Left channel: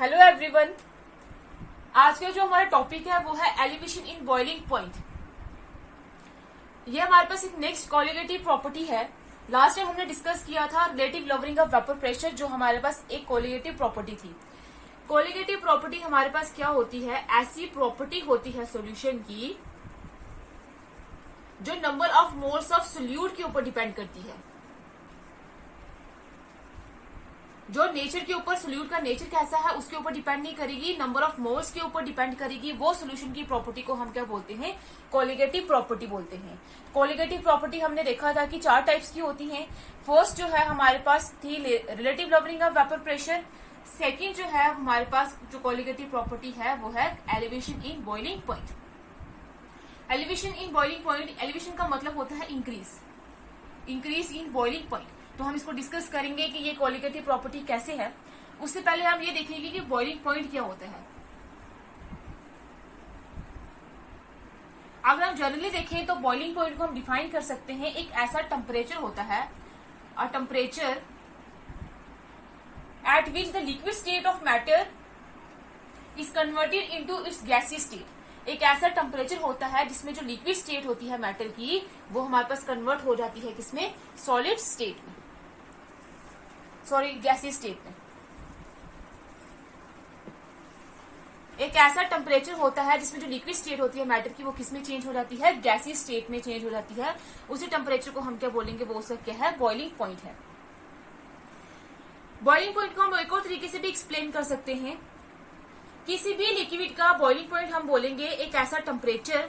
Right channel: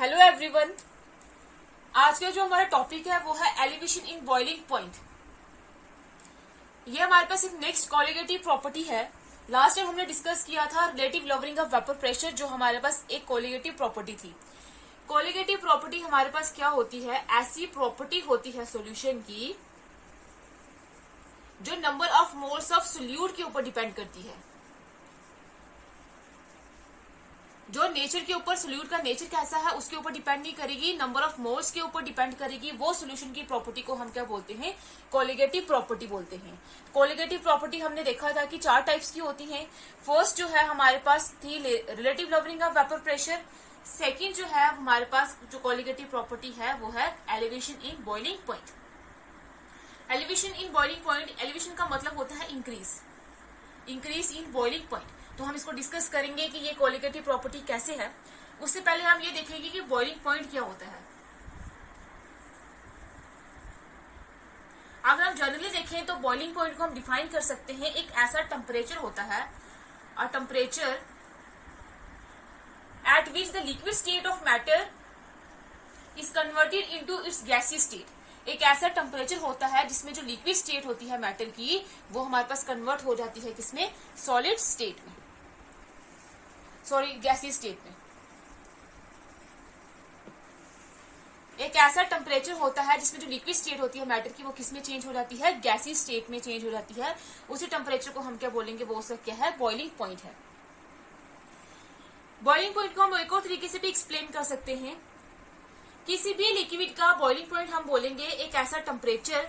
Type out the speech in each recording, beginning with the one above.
Hello everyone. आज का जो हमारा टॉपिक है वो है एलिवेशन इन बॉइलिंग पॉइंट। ये हमारे पास एक नेक्स्ट कोलिगेटिव प्रॉपर्टी है। लास्ट टाइम हमने डिस्कस किया था relative lowering of vapour pressure, जो हमारे पास एक कोलिगेटिव प्रॉपर्टी थी। कोलिगेटिव प्रॉपर्टी हमारे पास क्या होती है? ऐसी प्रॉपर्टी होती है सॉल्यूशन की जो number of moles of solute के ऊपर डिपेंड करती है। जो नेचर के ऊपर सोल्यूट का नेचर कैसा है उसके ऊपर डिपेंड नहीं करेगी, नंबर ऑफ मोल्स के ऊपर डिपेंड करेगी। वो सोल्यूशन की प्रॉपर्टी को हम क्या बोलते हैं? कोलिगेटिव प्रॉपर्टी बोलते हैं। कोलिगेटिव प्रॉपर्टी हमने देखा था कि 4 टाइप्स की होती हैं। फर्स्ट जो है हमारे पास थी relative lowering of vapour pressure. Second जो है हमारे पास जो कोलिगेटिव प्रॉपर्टी है वो है elevation in boiling point. Elevation in boiling point, elevation का मतलब होता है इंक्रीज इन बॉइलिंग पॉइंट। तो हम इसको डिस्कस करेंगे कि ये कोलिगेटिव प्रॉपर्टी कैसे है। उससे पहले हम ये देखेंगे कि बॉइलिंग पॉइंट क्या होता है। अगर हम जनरली देखें तो बॉइलिंग पॉइंट को हम डिफाइन कर सकते हैं, एक ऐसा टेम्परेचर होता है, a temperature at which the liquid state of matter is converted into its gaseous state. एक ऐसा टेम्परेचर होता है जिसमें जो लिक्विड स्टेट होती है मैटर की वो हमारे पास कन्वर्ट हो जाती है किसमें? सॉलिड स्टेट में, सॉरी गैसी स्टेट में। एक ऐसा टेम्परेचर होता है जिसमें जो लिक्विड स्टेट होती है मैटर की वो किसमें चेंज हो जाती है? गैसी स्टेट में चेंज हो जाती है। उसी टेम्परेचर को हम क्या बोलेंगे? वो उसका क्या है? बॉइलिंग पॉइंट है। बॉइलिंग पॉइंट को हम एक और तरीके से भी एक्सप्लेन कर सकते हैं। किसी भी लिक्विड का बॉइलिंग पॉइंट हम बोलेंगे एक ऐसा टेम्परेचर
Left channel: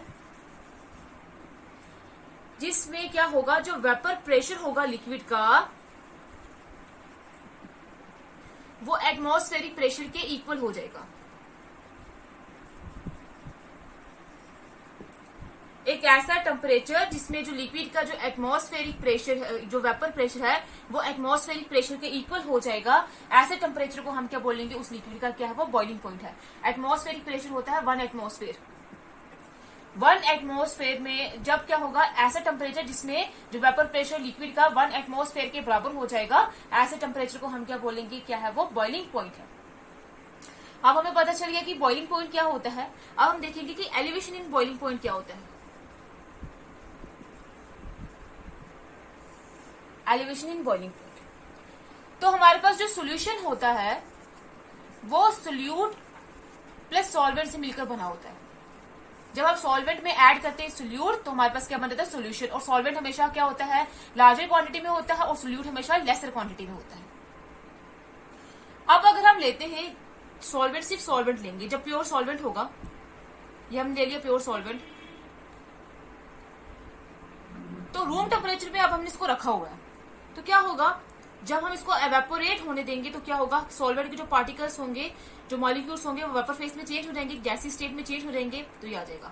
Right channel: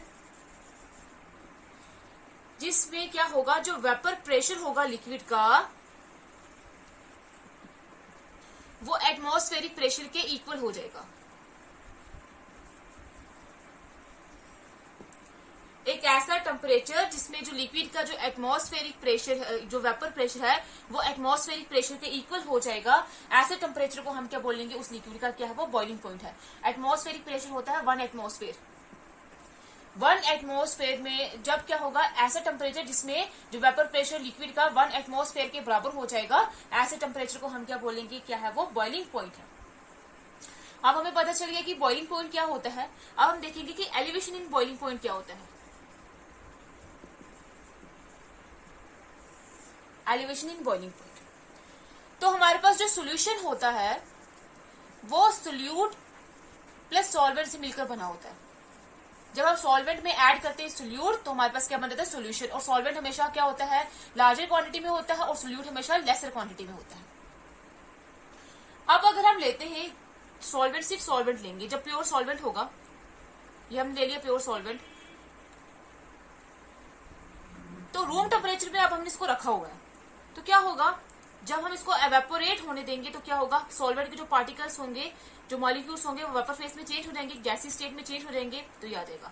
जिसमें क्या होगा? जो वेपर प्रेशर होगा लिक्विड का वो एटमॉस्फेरिक प्रेशर के इक्वल हो जाएगा। एक ऐसा टेम्परेचर जिसमें जो लिक्विड का जो एटमॉस्फेरिक प्रेशर है, जो वेपर प्रेशर है वो एटमॉस्फेरिक प्रेशर के इक्वल हो जाएगा। ऐसे टेम्परेचर को हम क्या बोलेंगे? उस लिक्विड का क्या है? वो बॉइलिंग पॉइंट है। एटमॉस्फेरिक प्रेशर होता है 1 एटमॉस्फेयर। 1 एटमॉस्फेयर में जब क्या होगा? ऐसा टेम्परेचर जिसमें जो वेपर प्रेशर लिक्विड का 1 एटमॉस्फेयर के बराबर हो जाएगा, ऐसे टेम्परेचर को हम क्या बोलेंगे? क्या है? वो बॉइलिंग पॉइंट है। अब हमें पता चल गया कि बॉइलिंग पॉइंट क्या होता है। अब हम देखेंगे कि एलिवेशन इन बॉइलिंग पॉइंट क्या होता है। एलिवेशन इन बॉइलिंग पॉइंट, तो हमारे पास जो सोल्यूशन होता है वो सोल्यूट प्लस सॉल्वेंट से मिलकर बना होता है। जब हम सॉल्वेंट में ऐड करते हैं सोल्यूट तो हमारे पास क्या बन जाता है? सोल्यूशन। और सॉल्वेंट हमेशा क्या होता है? लार्जर क्वांटिटी में होता है और सोल्यूट हमेशा लेसर क्वांटिटी में होता है। अब अगर हम लेते हैं सॉल्वेंट, सिर्फ सॉल्वेंट लेंगे, जब प्योर सॉल्वेंट होगा, ये हम ले लिया प्योर सॉल्वेंट, तो रूम टेम्परेचर पे अब हमने इसको रखा हुआ है, तो क्या होगा? जब हम इसको एवेपोरेट होने देंगे तो क्या होगा? सॉल्वेंट के जो पार्टिकल्स होंगे, जो मॉलिक्यूल्स होंगे वो वेपर फेज में चेंज हो जाएंगे, गैसी स्टेट में चेंज हो जाएंगे, तो ये आ जाएगा।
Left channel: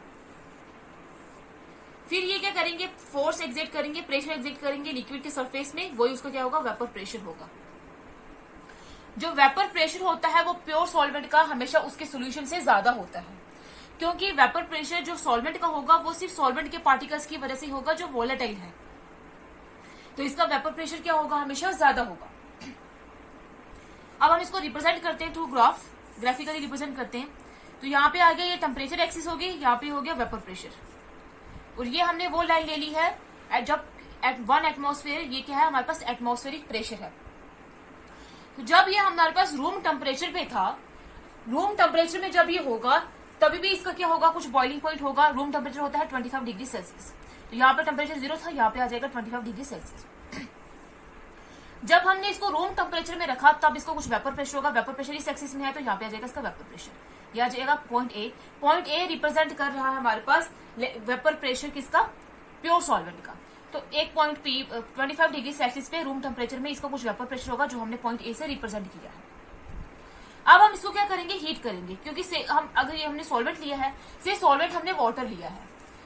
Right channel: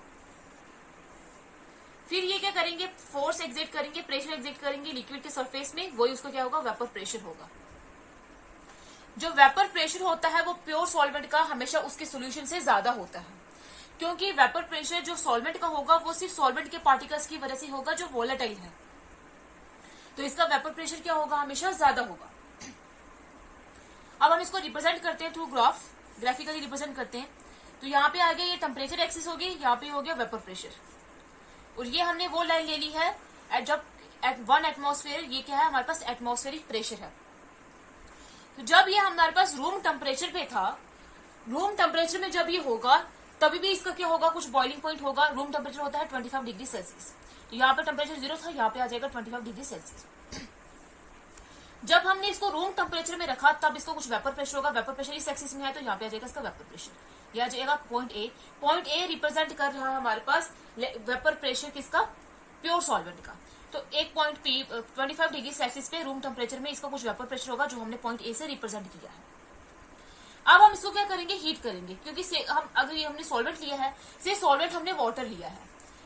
फिर ये क्या करेंगे? फोर्स एग्जर्ट करेंगे, प्रेशर एग्जर्ट करेंगे लिक्विड के सरफेस में, वही उसका क्या होगा? वेपर प्रेशर होगा। जो वेपर प्रेशर होता है वो प्योर सॉल्वेंट का हमेशा उसके सोल्यूशन से ज्यादा होता है, क्योंकि वेपर प्रेशर जो सॉल्वेंट का होगा वो सिर्फ सॉल्वेंट के पार्टिकल्स की वजह से होगा जो वोलेटाइल है, तो इसका वेपर प्रेशर क्या होगा? हमेशा ज्यादा होगा। अब हम इसको रिप्रेजेंट करते हैं थ्रू ग्राफिकली रिप्रेजेंट करते हैं। तो यहाँ पे आ गया, ये टेम्परेचर एक्सिस होगी, यहाँ पे हो गया वेपर प्रेशर, और ये हमने वो लाइन ले ली है जब एट 1 एटमॉस्फेयर, ये क्या है? हमारे पास एटमॉस्फेरिक प्रेशर है। तो जब ये हमारे पास रूम टेम्परेचर पे था, रूम टेम्परेचर में जब ये होगा तभी भी इसका क्या होगा? कुछ बॉइलिंग पॉइंट होगा। रूम टेम्परेचर होता है 25 डिग्री सेल्सियस, तो यहाँ पे टेम्परेचर 0 था, यहाँ पे आ जाएगा 25 डिग्री सेल्सियस। जब हमने इसको रूम टेम्परेचर में रखा तब इसको कुछ वेपर प्रेशर होगा, वेपर प्रेशर इस एक्सिस में है तो यहाँ पे आ जाएगा इसका वेपर प्रेशर, यह आ जाएगा point A. Point A represent कर रहा है हमारे पास वेपर प्रेशर किसका? प्योर सॉल्वेंट का। तो एक पॉइंट पी 25 डिग्री सेल्सियस पे रूम टेम्परेचर में इसका कुछ वेपर प्रेशर होगा जो हमने पॉइंट ए से रिप्रेजेंट किया है। अब हम इसको क्या करेंगे? हीट करेंगे, क्योंकि हम अगर ये हमने सॉल्वेंट लिया है, से सॉल्वेंट हमने वाटर लिया है,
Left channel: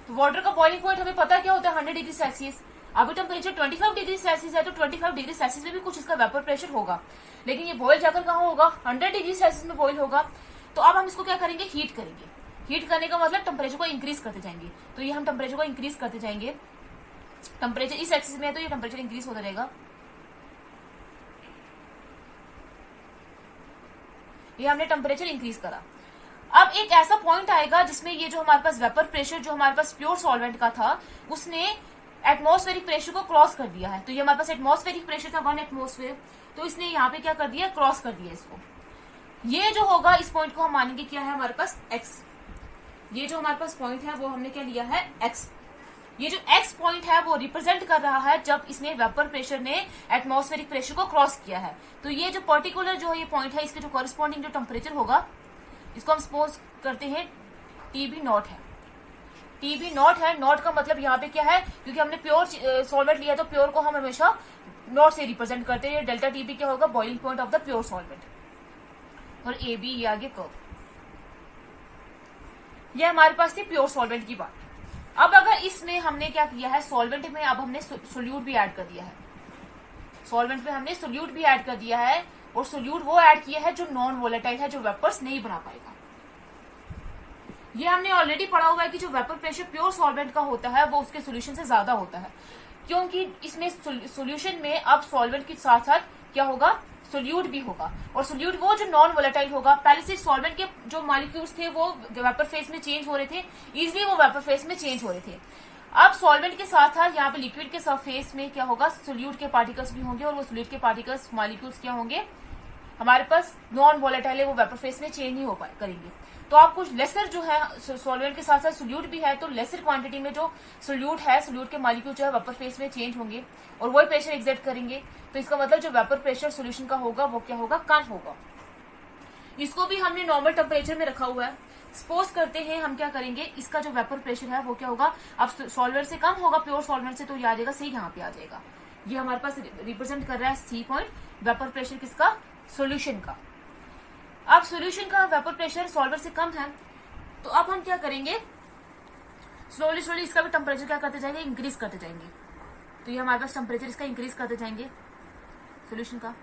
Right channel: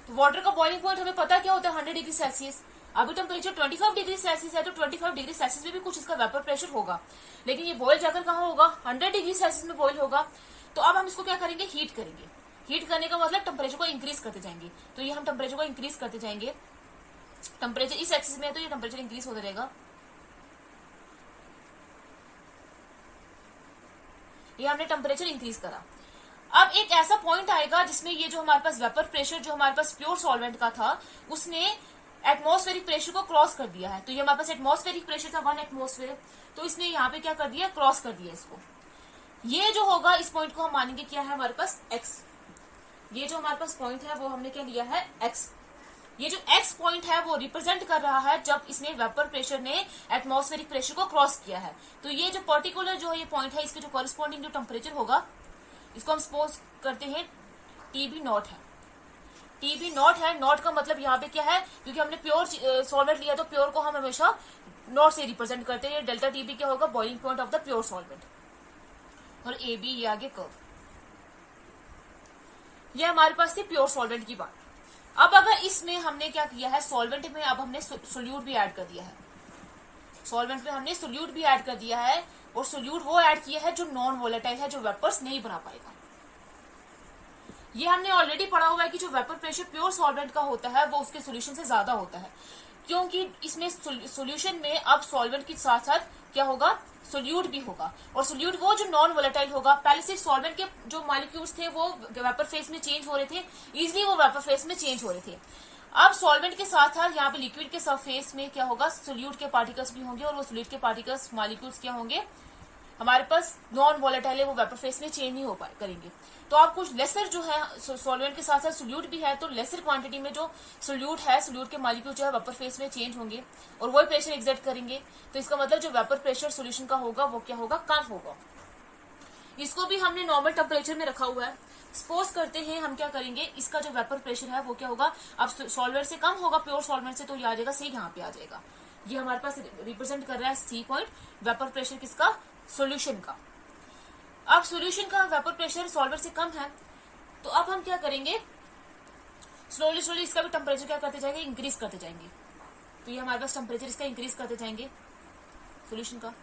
तो वाटर का बॉइलिंग पॉइंट हमें पता क्या होता है? 100 डिग्री सेल्सियस। अभी टेम्परेचर 25 डिग्री सेल्सियस है तो 25 डिग्री सेल्सियस में भी कुछ इसका वेपर प्रेशर होगा, लेकिन ये बॉइल जाकर कहाँ होगा? 100 डिग्री सेल्सियस में बॉइल होगा। तो अब हम इसको क्या करेंगे? हीट करेंगे। हीट करने का मतलब टेम्परेचर को इंक्रीज करते जाएंगे, तो ये हम टेम्परेचर को इंक्रीज करते जाएंगे। टेम्परेचर इस एक्सिस में है तो ये टेम्परेचर इंक्रीज होता रहेगा। ये हमने टेम्परेचर इंक्रीज करा। अब एक ऐसा पॉइंट आएगा जिसमें ये जो हमारे पास वेपर प्रेशर जो हमारे पास प्योर सॉल्वेंट का था उसने एटमॉस्फेरिक प्रेशर को क्रॉस कर दिया है। तो ये हमारे पास एटमॉस्फेरिक प्रेशर था 1 एटमॉस्फेयर, तो इसने यहाँ पे क्या कर दिया, क्रॉस कर दिया इसको। ये जो होगा इस पॉइंट को हम मानेंगे क्या है हमारे पास x। ये जो हमारे पास पॉइंट है वो हमने क्या लिया है x। ये जो x पॉइंट है वो रिप्रेजेंट कर रहा है जब इसने वेपर प्रेशर ने एटमॉस्फेरिक प्रेशर को क्रॉस किया है। तो ये जो पर्टिकुलर जो ये पॉइंट है इसके जो कॉरेस्पॉन्डिंग जो टेम्परेचर होगा इसको हम सपोज करते हैं TB नॉट है। TB नॉट है, नॉट का मतलब यहाँ पे क्या है, क्योंकि हमने प्योर सॉल्वेंट लिया तो प्योर को हम हमेशा नॉट से रिप्रेजेंट करते हैं। डेल्टा TB क्या होगा, boiling point of the pure solvent. और AB ये आगे कर्व। ये हमारे पास थी प्योर सॉल्वेंट की बात। अब अगर इसमें हमने क्या किया है, सॉल्वेंट में अब हमने सोल्यूट भी ऐड कर दिया है। सॉल्वेंट में हमने सोल्यूट भी ऐड कर दिया है, और सोल्यूट वो ऐड किया है जो नॉन वोलेटाइल है, जो वेपर्स नहीं बना पाएगा। ये हमने ऑलरेडी पढ़ा हुआ है कि जो वेपर प्रेशर प्योर सॉल्वेंट का होता है वो उसके सोल्यूशन से ज्यादा होता है, क्योंकि इसमें सोल्यूशन में अब सॉल्वेंट के साथ साथ क्या होगा, सोल्यूट भी होगा। और सोल्यूट वो जो नॉन वोलेटाइल होगा। पहले से सॉल्वेंट के जो मॉलिक्यूल्स थे वो वेपर फेज में चेंज हो रहे थे, इजिली वो वेपर फेज में चेंज हो रहे थे। अब सॉल्वेंट के साथ साथ यहाँ पे लिक्विड के सरफेस में क्या होगा, सोल्यूट के पार्टिकल्स भी होंगे, और वो सोल्यूट के पार्टिकल्स मॉलिक्यूल्स क्या होंगे हमारे पास नॉन वोलेटाइल है, वो वेपर फेज में चेंज नहीं हो पाए करेंगे। तो आप कुछ लेसर जो है सॉल्वेंट के साथ साथ सोल्यूट भी है, तो लेसर क्वांटिटी में जो सोल्यूट है, सोल्यूट के मॉलिक्यूल जो है वेपर फेज में चेंज होंगे और वही प्रेशर एग्जर्ट करेंगे। तो इसका मतलब जो वेपर प्रेशर सोल्यूशन का होगा वो क्या होगा, कम होगा। इसको भी हमने नॉर्मल टेम्परेचर में रखा हुआ है। सपोज करते हैं हम क्या करेंगे, इसका जो वेपर प्रेशर है वो क्या होगा, अब सॉल्वेंट से कम होगा प्योर सॉल्वेंट से, तो ये आ जाएगा सही यहाँ पे आ जाएगा। ये हमारे पास रिप्रेजेंट कर रहा है C पॉइंट, वेपर प्रेशर किसका, सोल्यूशन का। अब सोल्यूशन का वेपर प्रेशर सॉल्वेंट से कम है, तो अब हम क्या करेंगे, स्लोली स्लोली इसका भी टेम्परेचर क्या करते जाएंगे, इंक्रीज करते जाएंगे। तो ये हमारे पास टेम्परेचर इसका इंक्रीज करते जाएंगे सोल्यूशन का।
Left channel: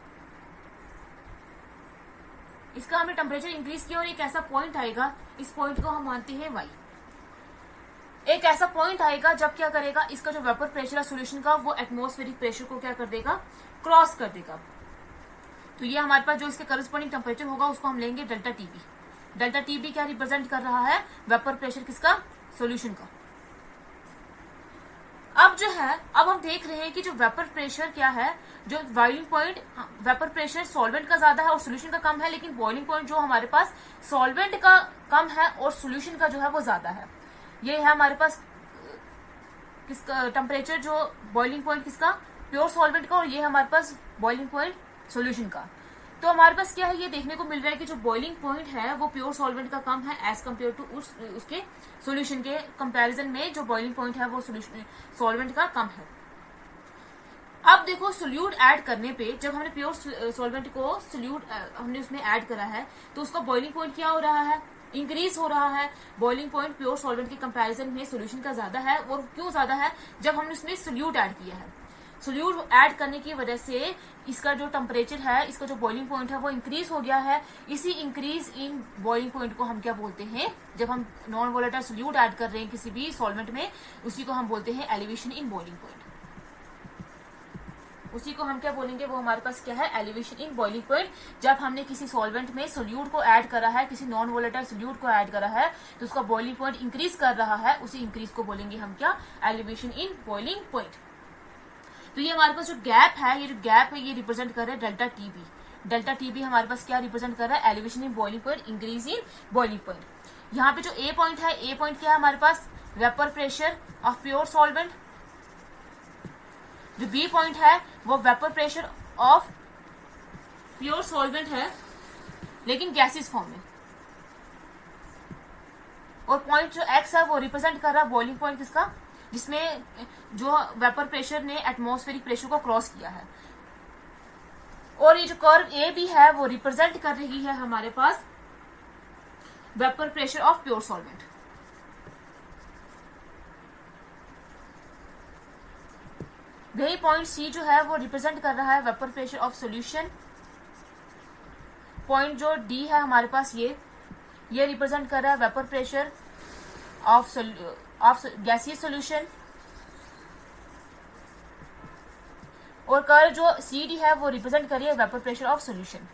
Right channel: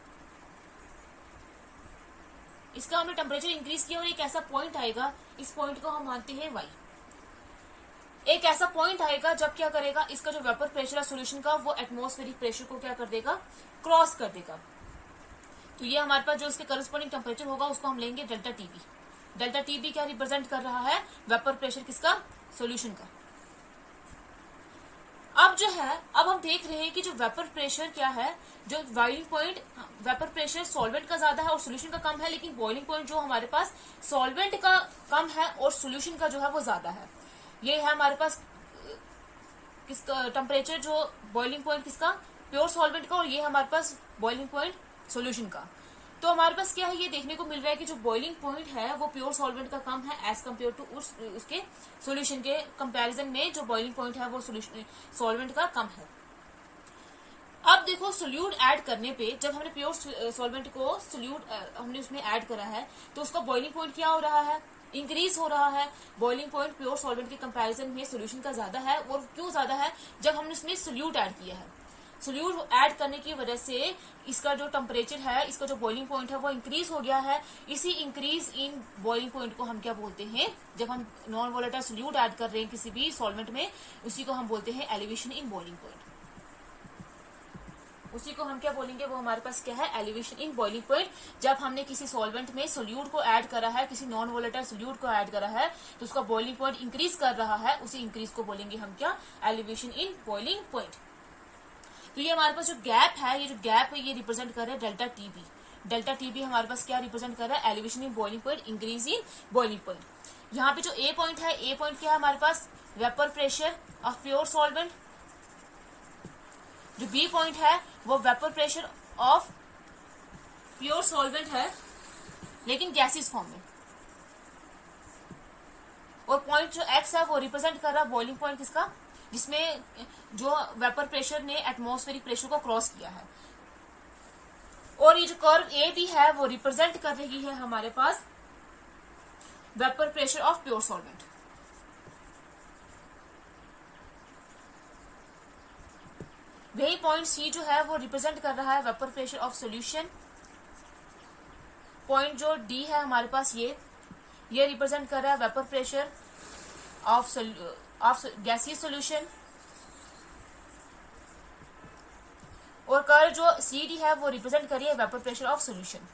इसका हमने टेम्परेचर इंक्रीज किया और एक ऐसा पॉइंट आएगा, इस पॉइंट को हम मानते हैं y। एक ऐसा पॉइंट आएगा जब क्या करेगा, इसका जो वेपर प्रेशर है सोल्यूशन का वो एटमॉस्फेरिक प्रेशर को क्या कर देगा, क्रॉस कर देगा। तो ये हमारे पास जो इसके करस्पॉन्डिंग टेम्परेचर होगा उसको हम लेंगे डेल्टा TB। डेल्टा TB क्या रिप्रेजेंट कर रहा है, वेपर प्रेशर किसका, सोल्यूशन का। अब जो है, अब हम देख रहे हैं कि जो वेपर प्रेशर क्या है, जो boiling point, vapour pressure solvent का ज्यादा है और सोल्यूशन का कम है, लेकिन बॉइलिंग पॉइंट जो हमारे पास सॉल्वेंट का कम है और सोल्यूशन का जो है वो ज्यादा है। ये है हमारे पास किसका टेम्परेचर, जो बॉइलिंग पॉइंट किसका, प्योर सॉल्वेंट का, और ये हमारे पास बॉइलिंग पॉइंट सोल्यूशन का। तो हमारे पास क्या है, ये देखने को मिल रहा है कि जो बॉइलिंग पॉइंट है वो प्योर सॉल्वेंट का कम है एज कम्पेयर टू उसके सोल्यूशन के कंपैरिजन में जो बॉइलिंग पॉइंट है वो सॉल्वेंट का कम है। अब देखो सोल्यूट ऐड करने पे, जब हमने प्योर सॉल्वेंट को सोल्यूट हमने उसमें ऐड करा है तो उसका बॉइलिंग पॉइंट क्या हो रहा है, इंक्रीज हो रहा है। बॉइलिंग पॉइंट प्योर सॉल्वेंट के कंपैरिजन में सोल्यूशन का ज्यादा है। और क्यों ज्यादा है, जब हमने उसमें सोल्यूट ऐड किया है। सोल्यूट ऐड करने की वजह से इसका जो टेम्परेचर है, इसका जो बॉइलिंग पॉइंट है वो इंक्रीज हो गया है। इसी इंक्रीज इन बॉइलिंग पॉइंट को हम क्या बोलते हैं, जब हम नॉन वोलेटाइल सोल्यूट ऐड कर रहे हैं किसी भी सॉल्वेंट में, उसी को हम बोलते हैं एलिवेशन इन बॉइलिंग पॉइंट। उसी को हम क्या बोलेंगे, वो हमारे पास क्या है, एलिवेशन इन बॉइलिंग पॉइंट। जब हमने किसी सॉल्वेंट में सोल्यूट को ऐड करा है, किसी नॉन वोलेटाइल सोल्यूट को ऐड करा है, तो उसका बॉइलिंग पॉइंट इंक्रीज कर रहा है, उसी इंक्रीज को बोलेंगे हम क्या, एलिवेशन इन बॉइलिंग पॉइंट। तो ये हमारे पास जो गैप है, ये जो गैप है ये रिप्रेजेंट कर रहा है डेल्टा TB। डेल्टा TB हमारे पास क्या रिप्रेजेंट कर रहा है, elevation in boiling point, increase in boiling point. यहाँ पे जो A पॉइंट है, A पॉइंट क्या है हमारे पास, vapour pressure of pure solvent. जो B पॉइंट है वो vapour pressure of pure solvent है लेकिन गैसेस फॉर्म में। और पॉइंट जो X है वो रिप्रेजेंट कर रहा है बॉइलिंग पॉइंट किसका, जिसमें जो वेपर प्रेशर ने एटमॉस्फेरिक प्रेशर को क्रॉस किया है। और ये जो कर्व A भी है वो रिप्रेजेंट कर रही है हमारे पास vapour pressure of pure solvent. वही पॉइंट C जो है वो रिप्रेजेंट कर रहा है vapour pressure of solution. Point जो D है हमारे पास ये रिप्रेजेंट कर रहा है vapour pressure of gaseous solution. और कर्व जो CD है वो रिप्रेजेंट कर रही है वेपर प्रेशर ऑफ सॉल्यूशन।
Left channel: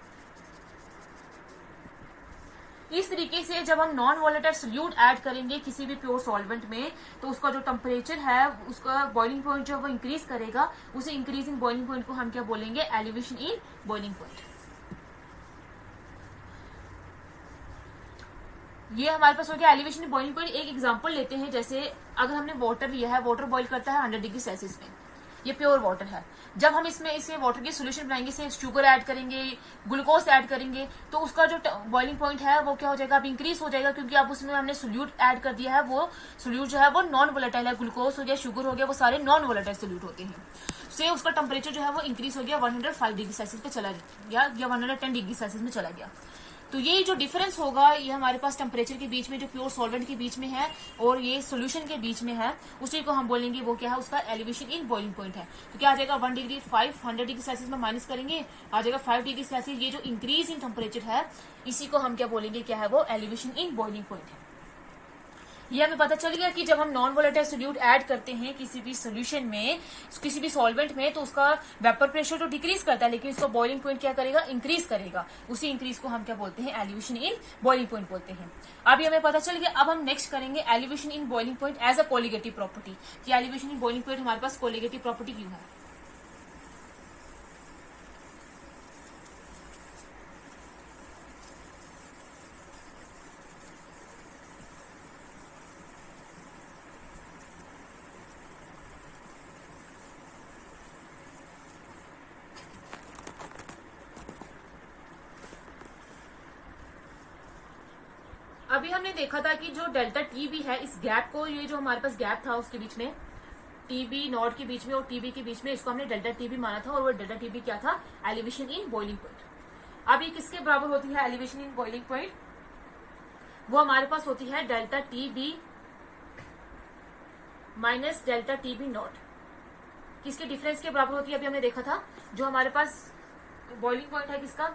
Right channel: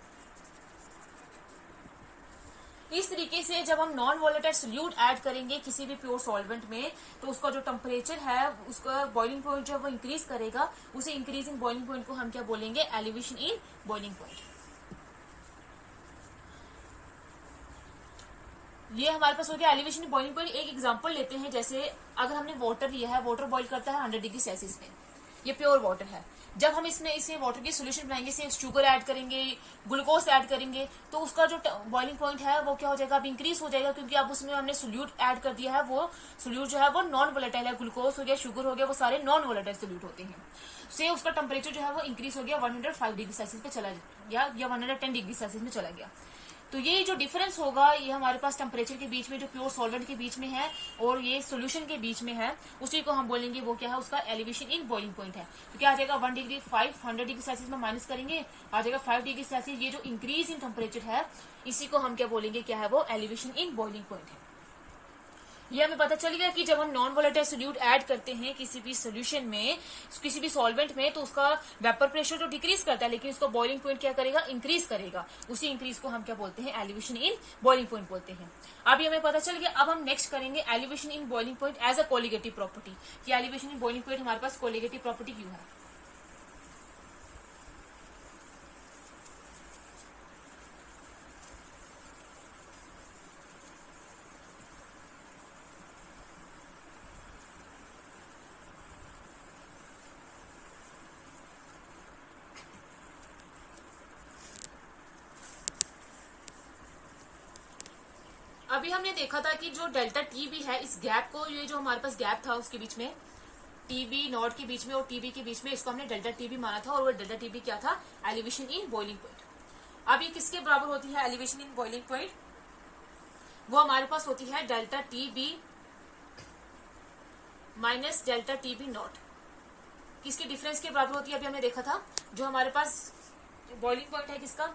इस तरीके से जब हम नॉन वोलेटाइल सोल्यूट ऐड करेंगे किसी भी प्योर सॉल्वेंट में, तो उसका जो टेम्परेचर है, उसका बॉइलिंग पॉइंट जो वो इंक्रीज करेगा, उसे इंक्रीजिंग बॉइलिंग पॉइंट को हम क्या बोलेंगे, एलिवेशन इन बॉइलिंग पॉइंट। ये हमारे पास हो गया एलिवेशन इन बॉइलिंग पॉइंट। एक एग्जांपल लेते हैं, जैसे अगर हमने वाटर लिया है, वाटर बॉईल करता है 100 डिग्री सेल्सियस में, ये प्योर वाटर है। जब हम इसमें इसे वाटर की सोल्यूशन बनाएंगे, इसे शुगर ऐड करेंगे, ग्लूकोज ऐड करेंगे, तो उसका जो बॉइलिंग पॉइंट है वो क्या हो जाएगा, अब इंक्रीज हो जाएगा, क्योंकि अब उसमें हमने सोल्यूट ऐड कर दिया है। वो सोल्यूट जो है वो नॉन वोलेटाइल है, ग्लूकोज हो गया, शुगर हो गया, वो सारे नॉन वोलेटाइल सोल्यूट होते हैं। से उसका टेम्परेचर जो है वो इंक्रीज हो गया, 105 डिग्री सेल्सियस पे चला गया या 110 डिग्री सेल्सियस में चला गया। तो ये जो डिफरेंस होगा, ये हमारे पास टेम्परेचर के बीच में, जो प्योर सॉल्वेंट के बीच में है और ये सोल्यूशन के बीच में है, उसी को हम बोलेंगे वो क्या है, उसका एलिवेशन इन बॉइलिंग पॉइंट है। तो क्या आ जाएगा, 1 डिग्री 500 डिग्री सेल्सियस में माइनस करेंगे, आ जाएगा 5 डिग्री सेल्सियस। ये जो इंक्रीज इन टेम्परेचर है, इसी को हम क्या बोलेंगे, क्या है वो, एलिवेशन इन बॉइलिंग पॉइंट है। ये हमें पता चल गया कि जब हम नॉन वोलेटाइल सोल्यूट ऐड करते हैं किसी भी सोल्यूशन में, किसी भी सॉल्वेंट में, तो उसका वेपर प्रेशर तो डिक्रीज करता है, लेकिन उसका बॉइलिंग पॉइंट क्या करेगा, इंक्रीज करेगा। उसी इंक्रीज को हम क्या बोलते हैं, एलिवेशन इन बॉइलिंग पॉइंट बोलते हैं। अभी हमें पता चल गया। अब हम नेक्स्ट करेंगे elevation in boiling point as a colligative property, कि एलिवेशन इन बॉइलिंग पॉइंट हमारे पास कोलिगेटिव प्रॉपर्टी क्यों है। अभी हमने देखा था कि जो डेल्टा टी बी है, इस गैप को, ये जो हमारे पास गैप था उसके बीच में, टीबी नॉट के बीच में और टीबी के बीच में, इसको हमने डेल्टा टीबी माना था, और वो डेल्टा टीबी क्या था, एलिवेशन इन बॉइलिंग पॉइंट। अब ये किसके बराबर होती है एलिवेशन इन बॉइलिंग पॉइंट, वो हमारे पास होती है delta TB minus delta TB not. किसके डिफरेंस के बराबर होती है, अभी हमने देखा था। जो हमारे पास बॉइलिंग पॉइंट है किसका,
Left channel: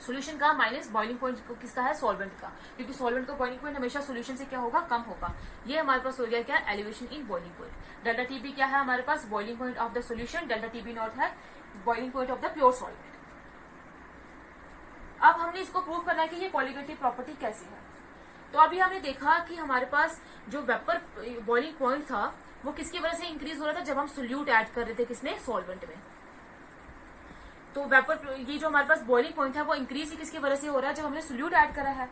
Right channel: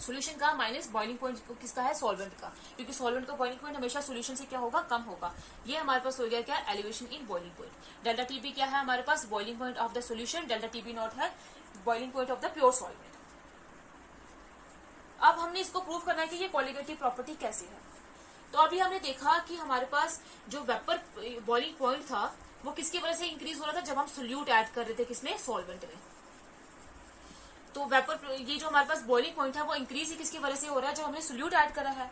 सोल्यूशन का, माइनस बॉइलिंग पॉइंट किसका है, सॉल्वेंट का, क्योंकि सॉल्वेंट का बॉइलिंग पॉइंट हमेशा सोल्यूशन से क्या होगा, कम होगा। ये हमारे पास हो गया क्या, elevation in boiling point. Delta TB क्या है हमारे पास, boiling point of the solution, delta TB not है boiling point of the pure solvent. अब हमने इसको प्रूव करना है कि ये कोलिगेटिव प्रॉपर्टी कैसी है। तो अभी हमने देखा कि हमारे पास जो वेपर बॉइलिंग पॉइंट था, वो किसकी वजह से इंक्रीज हो रहा था, जब हम सोल्यूट ऐड कर रहे थे किसमें, सॉल्वेंट में। तो वेपर, ये जो हमारे पास बॉइलिंग पॉइंट है, वो इंक्रीज ही किसकी वजह से हो रहा है, जब हमने सोल्यूट ऐड करा है।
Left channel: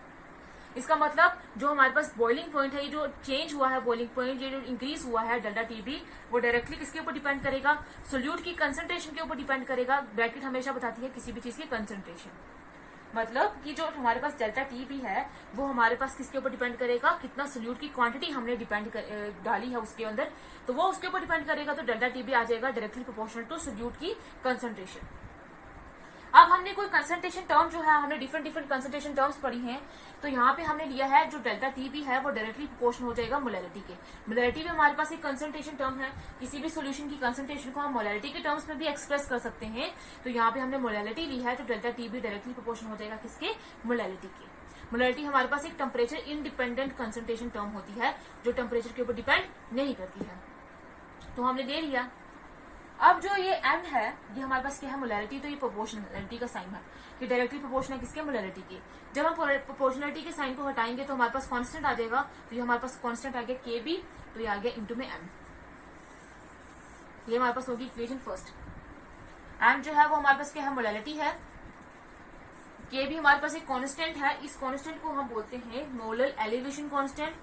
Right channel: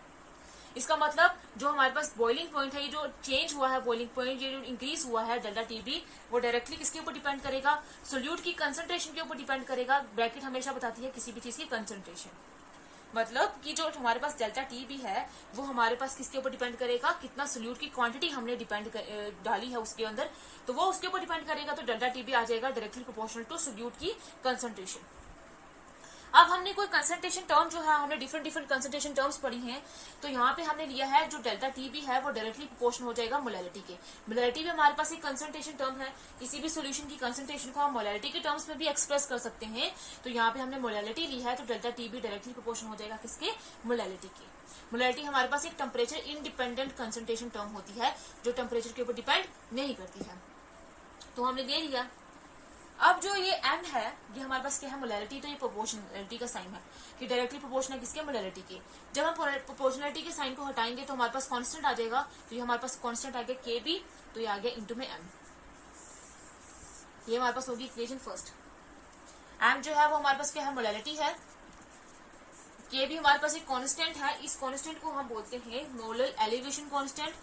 इसका मतलब जो हमारे पास बॉइलिंग पॉइंट है, ये जो चेंज हुआ है बॉइलिंग पॉइंट, ये जो इंक्रीज हुआ है डेल्टा टीबी, वो डायरेक्टली किसके ऊपर डिपेंड करेगा, सोल्यूट की कंसंट्रेशन के ऊपर डिपेंड करेगा। ब्रैकेट हमेशा बताती है किसी भी चीज की कंसंट्रेशन, मतलब कि जो हमारे पास डेल्टा टीबी है, वो हमारे पास किसके ऊपर डिपेंड करेगा, कितना सोल्यूट की क्वांटिटी हमने डाली है उसके अंदर, तो वो उसके ऊपर डिपेंड करेगा। तो डेल्टा टीबी आ जाएगा डायरेक्टली प्रोपोर्शनल टू सोल्यूट की कंसंट्रेशन। अब हमने कोई कंसंट्रेशन टर्म जो है, हमने डिफरेंट कंसंट्रेशन टर्म्स पढ़ी हैं, तो यहाँ पे हमने लिया है जो डेल्टा टीबी है, वो डायरेक्टली प्रोपोर्शनल हो जाएगा मोलैरिटी के। मोलैरिटी भी हमारे पास एक कंसंट्रेशन टर्म है, किसी भी सोल्यूशन की कंसंट्रेशन को हम मोलैरिटी के टर्म्स में भी एक्सप्रेस कर सकते हैं। तो यहाँ पे हमने मोलैरिटी ली है, तो डेल्टा टीबी डायरेक्टली प्रोपोर्शनल हो जाएगा किसके, मोलैरिटी के। मोलैरिटी हमारे पास एक टेम्परेचर इंडिपेंडेंट कंसंट्रेशन टर्म होती है, जो टेम्परेचर के ऊपर डिपेंड नहीं करती है। तो हमने ले लिया। अब जो ये m है, ये हमारे पास क्या है, मोलैरिटी, तो ये प्रोपोर्शनलिटी का साइन है कि डायरेक्टली प्रोपोर्शनल है किसके, मोलैरिटी के। जब हम प्रोपोर्शनलिटी के साइन को हटाएंगे तो हमारे पास कांस्टेंट आ जाएगा, तो ये हमारे पास कांस्टेंट आ गया kb, तो ये आ गया इंटू में m। ये हमारे पास होगी इक्वेशन फर्स्ट। m जो है वो हमारे पास क्या है, मोलैरिटी है। kb हमारे पास एक कांस्टेंट है, इस कांस्टेंट को हम बोलते हैं मोलर एलिवेशन कांस्टेंट,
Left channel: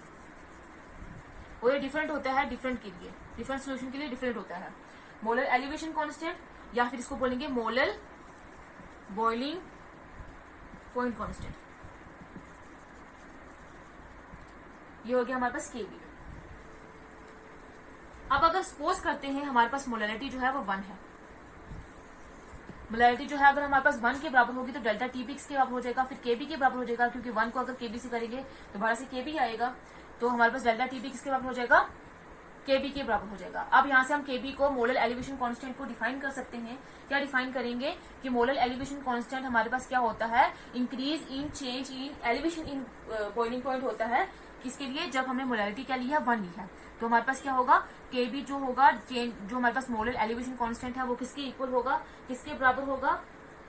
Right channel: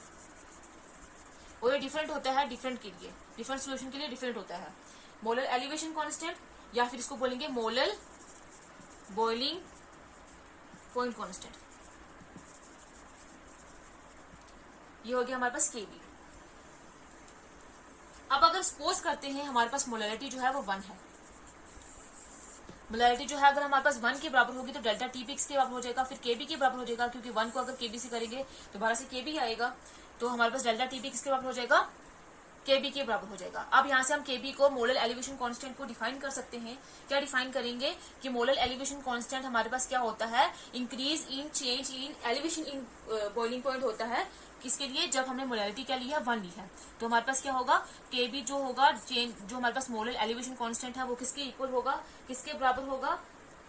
और ये डिफरेंट होता है डिफरेंट के लिए, डिफरेंट सोल्यूशन के लिए डिफरेंट होता है। मोलर एलिवेशन कांस्टेंट, या फिर इसको बोलेंगे मोलर बॉइलिंग पॉइंट कांस्टेंट। ये हो गया हमारे पास kb। अब अगर सपोज करते हैं हमारे पास मोलैरिटी जो है वो 1 है, मोलैरिटी जो है अगर हमारे पास 1 के बराबर होगी, तो डेल्टा टीबी के बराबर हो जाएगा, फिर kb के बराबर हो जाएगा, क्योंकि 1 को अगर kb से करेंगे तो दोबारा से kb आएगा, तो हमारे पास डेल्टा टीबी किसके बराबर हो जाएगा, kb के बराबर हो जाएगा। अब यहाँ से हम kb को मोलर एलिवेशन कांस्टेंट को डिफाइन कर सकते हैं। क्या डिफाइन करेंगे कि मोलर एलिवेशन कांस्टेंट हमारे पास क्या होता है, increase in change in elevation in boiling point होता है। किसके लिए, जब हमने मोलैरिटी क्या ली है, 1 ली है, तो हमारे पास क्या होगा, kb जो होगा, चेंज जो हमारे पास मोलर एलिवेशन कांस्टेंट है, वो किसके इक्वल होगा, किसके बराबर होगा,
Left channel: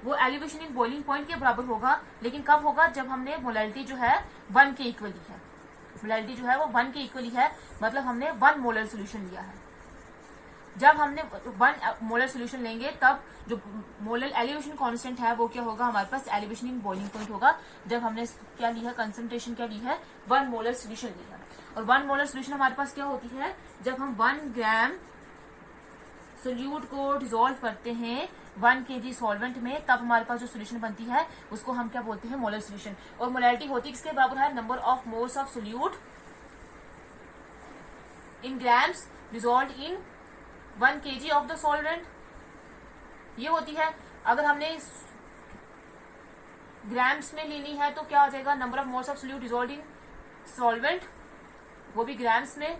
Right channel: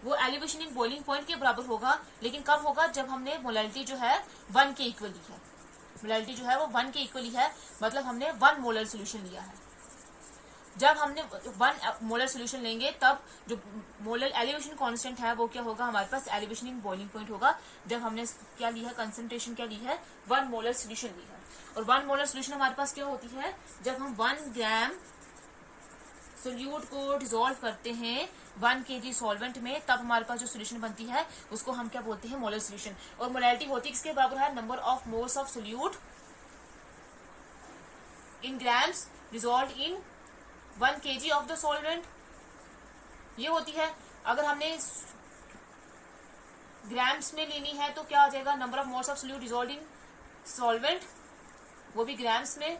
वो एलिवेशन इन बॉइलिंग पॉइंट के बराबर होगा, लेकिन कब होगा, जब हमने मोलैरिटी जो है 1 के इक्वल ली है। मोलैरिटी जो है वो 1 के इक्वल है, मतलब हमने 1 मोलर सोल्यूशन लिया है। जब हमने 1 मोलर सोल्यूशन लेंगे तब जो मोलर एलिवेशन कांस्टेंट है वो क्या होगा, हमारे पास एलिवेशन इन बॉइलिंग पॉइंट होगा। जब हमने क्या ली है, कंसंट्रेशन क्या ली है, 1 मोलर सोल्यूशन ली है। और 1 मोलर सोल्यूशन हमारे पास क्या होती है, जब हम 1 ग्राम सोल्यूट को डिसॉल्व करते हैं 1 kg सॉल्वेंट में, तब हमारे पास जो सोल्यूशन बनती है उसको हम क्या बोलते हैं, मोलर सोल्यूशन। और मोलैरिटी होती किसके बराबर है, number of moles of solute in grams dissolve in 1 kg of the solvent, ये होती है। अगर हमने ग्राम्स में लेनी है तो क्या आ जाएगा, number of moles of solute dissolve in solvent, वो भी ग्राम्स में,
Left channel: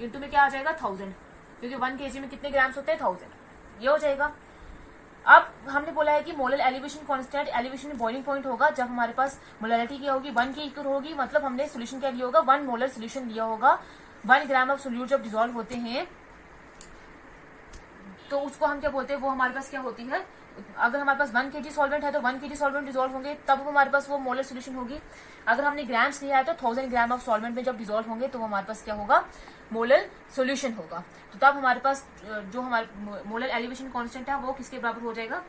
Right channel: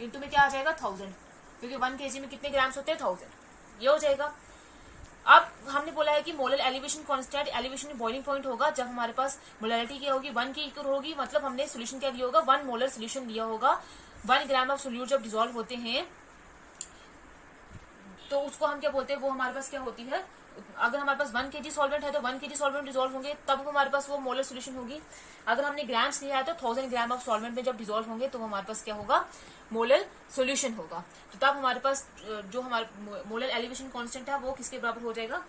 इनटू में क्या आ जाएगा 1000, क्योंकि 1 kg में कितने ग्राम्स होते हैं, 1000, ये हो जाएगा। अब हमने बोला है कि molar elevation constant elevation boiling point होगा जब हमारे पास मोलैरिटी क्या होगी, 1 के इक्वल होगी, मतलब हमने सोल्यूशन क्या लिया होगा, 1 मोलर सोल्यूशन लिया होगा। 1 ग्राम ऑफ सोल्यूट जब डिसॉल्व होते हैं तो उसको हम क्या बोलते हैं, वो हमारे पास क्या होती है, अगर हमारे पास 1 kg सॉल्वेंट है तो 1 kg सॉल्वेंट डिसॉल्व होंगे तब हमारे पास वो मोलर सोल्यूशन होगी। अगर हमने ग्राम्स लिया है तो 1000 ग्राम ऑफ सॉल्वेंट में जब डिसॉल्व होंगे तो हमारे पास क्या होगा, मोलर सोल्यूशन होगा। तो तब हमारे पास जो हमारे मोलर एलिवेशन कांस्टेंट है वो किसके बराबर हो जाएगा,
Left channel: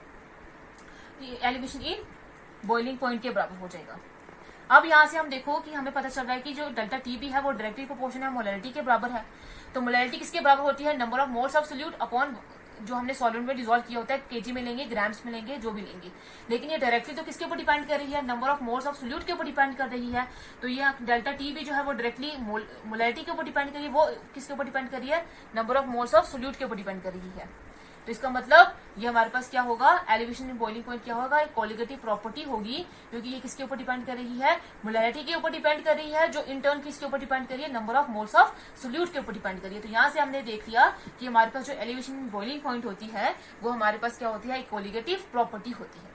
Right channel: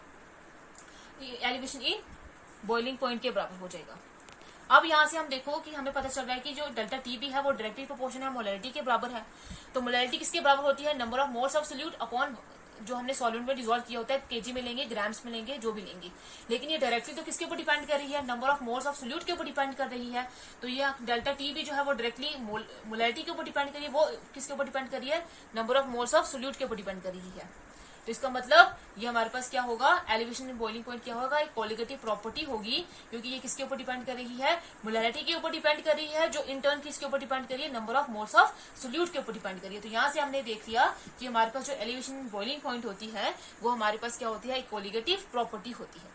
एलिवेशन इन बॉइलिंग पॉइंट के बराबर हो जाएगा। अब यहाँ से हम देखो कि हमें पता चल रहा है कि जो डेल्टा टी भी है वो डायरेक्टली प्रोपोर्शनल है मोलैरिटी के बराबर है। तो मोलैरिटी किसके बराबर होती है, number of moles of solute upon जो हमने सॉल्वेंट में डिसॉल्व किया होता है, केजी में लेंगे, ग्राम्स में लेंगे, जो भी लेंगे। लेकिन ये डायरेक्टली तो किसके ऊपर डिपेंड कर रही है, number of moles of solute के ऊपर डिपेंड कर रही है। तो ये डेल्टा टी भी जो है वो डायरेक्टली मोलैरिटी के ऊपर डिपेंड कर रही है, वो किसके ऊपर डिपेंड कर रही है, number of moles of solute के ऊपर डिपेंड कर रही है। तो इसका मतलब ये हमारे पास क्या होगा, एलिवेशन इन बॉइलिंग पॉइंट क्या होगा, एक कोलिगेटिव प्रॉपर्टी होगी, क्योंकि ये किसके ऊपर डिपेंड कर रही है, मोलैरिटी के ऊपर डिपेंड कर रही है, जो इन टर्न किसके ऊपर डिपेंड कर रही है, number of moles of solute के ऊपर डिपेंड कर रही है। तो यहाँ से हमने देख लिया कि हमारे पास जो एलिवेशन इन बॉइलिंग पॉइंट होती है वो हमारे पास क्या होती है, एक कोलिगेटिव प्रॉपर्टी होती है।